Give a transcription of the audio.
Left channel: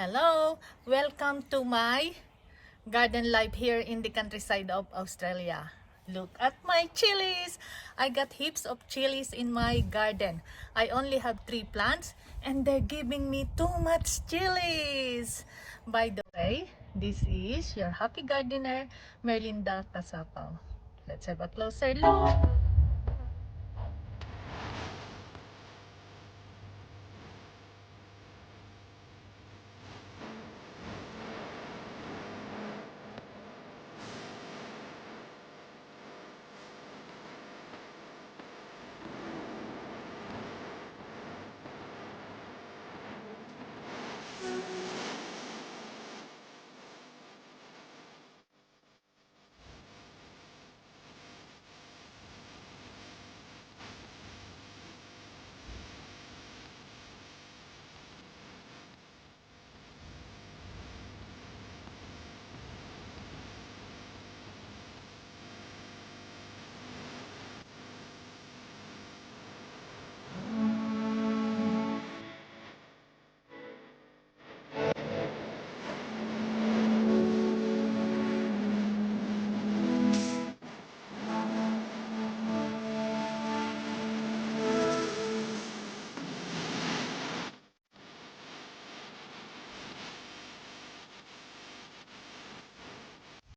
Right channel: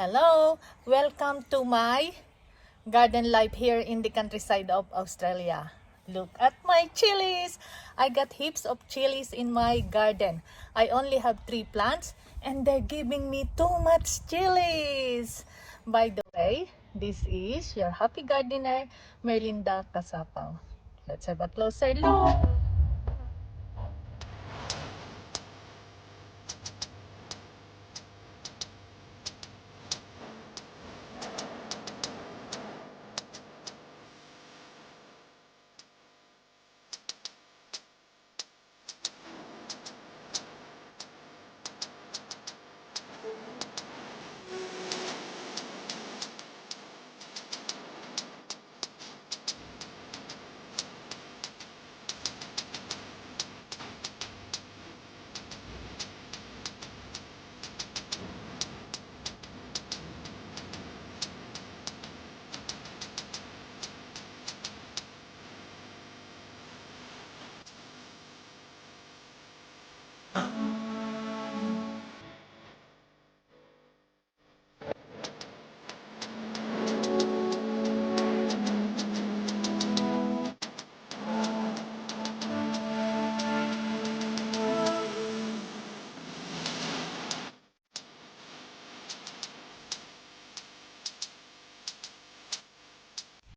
Hello! Welcome to my garden life here in the countryside of Australia. Look at my chilies! I got heaps of chilies in my garden. I only have 3 plants and they're giving me too much chilies. By the way, this is your happy gardener, Merlinda Casapaw. Let's have a closer look.